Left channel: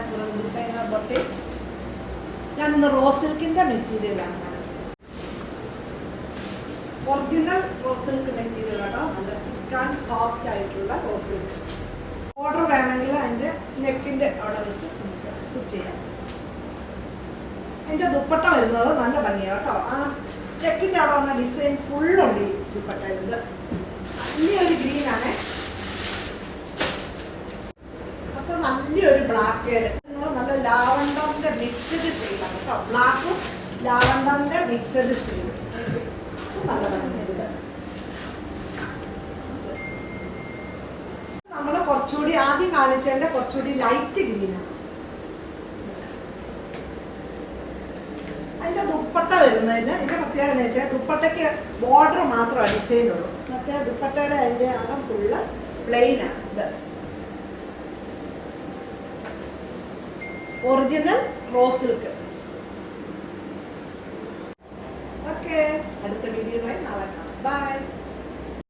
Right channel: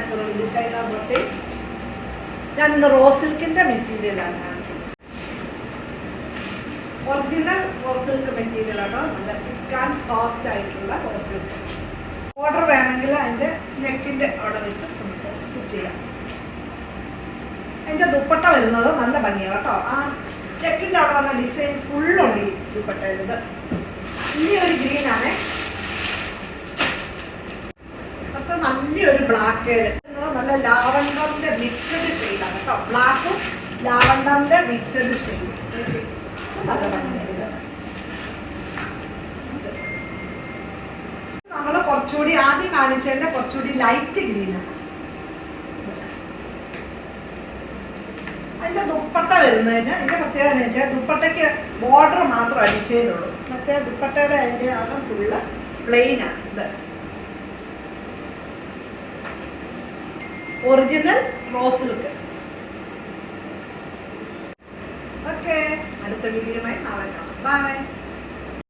Natural designer boutique. ഞാൻ ഇന്ന് raw സിൽക്കിന്റെ മെറ്റീരിയലാണ് കാണിക്കുന്നത്. ഒറിജിനൽ റോ സിൽക്ക് മെറ്റീരിയൽ ആണോ, നല്ല തിക്ക് ആൻഡ് സോഫ്റ്റ് ആയിട്ടുള്ള റോ സിൽക്ക്. ഓർഡർ വേണമെങ്കിൽ അതിന്റെ നെക്കിന്റെ അവിടെ വെച്ച് നമുക്ക് സ്റ്റിച്ച് ചെയ്യാം. അതിന്റെ ദുപ്പട്ട വരുന്നത് നല്ല ഭംഗിയാണ് കേട്ടോ. ആ നെക്കിന്റെ അവിടെ വന്ന ഡിസൈൻ ഫുള്ളുണ്ട് ഈ ദുപ്പട്ട വരുന്നത്. ഇനി ഒരു ഗ്രീനാണ്, അപ്പൊ നല്ലൊരു ബ്ലാക്ക് ഷെയ്ഡ്, നല്ല ലാവണ്ടറിന്റെ മിക്സഡ് ഷെയ്ഡാണ് കേട്ടോ. ബ്ലാക്കും ലാവണ്ടറിന്റെ മിക്സഡ് ഷെയ്ഡ് നല്ല ഭംഗിയുണ്ട്. നമ്മള് കുറച്ചുകൂടി ആദ്യം കാണിച്ചതിന്റെ കുറച്ചുകൂടി ലൈറ്റ് ഗ്രീനാണ്. അതിന്റെ ദുപ്പട്ട വരുന്നതിന് അതിന്റെ പ്രത്യേകത എന്ന് വെച്ചാൽ ദുപ്പട്ടയ്ക്ക് ബോർഡർ മാത്രമേ ഡിസൈനുള്ളൂ. മറ്റേ ദുപ്പട്ടയുടെ അതിന്റെ അകം ഫുള്ള് പ്ലെയിനാണ്. ഇത് ഒറിജിനൽ റോ സിൽക്ക്. ഓക്കെ, അടുത്ത വീഡിയോയുമായി നാളെ കാണാം. ബൈ.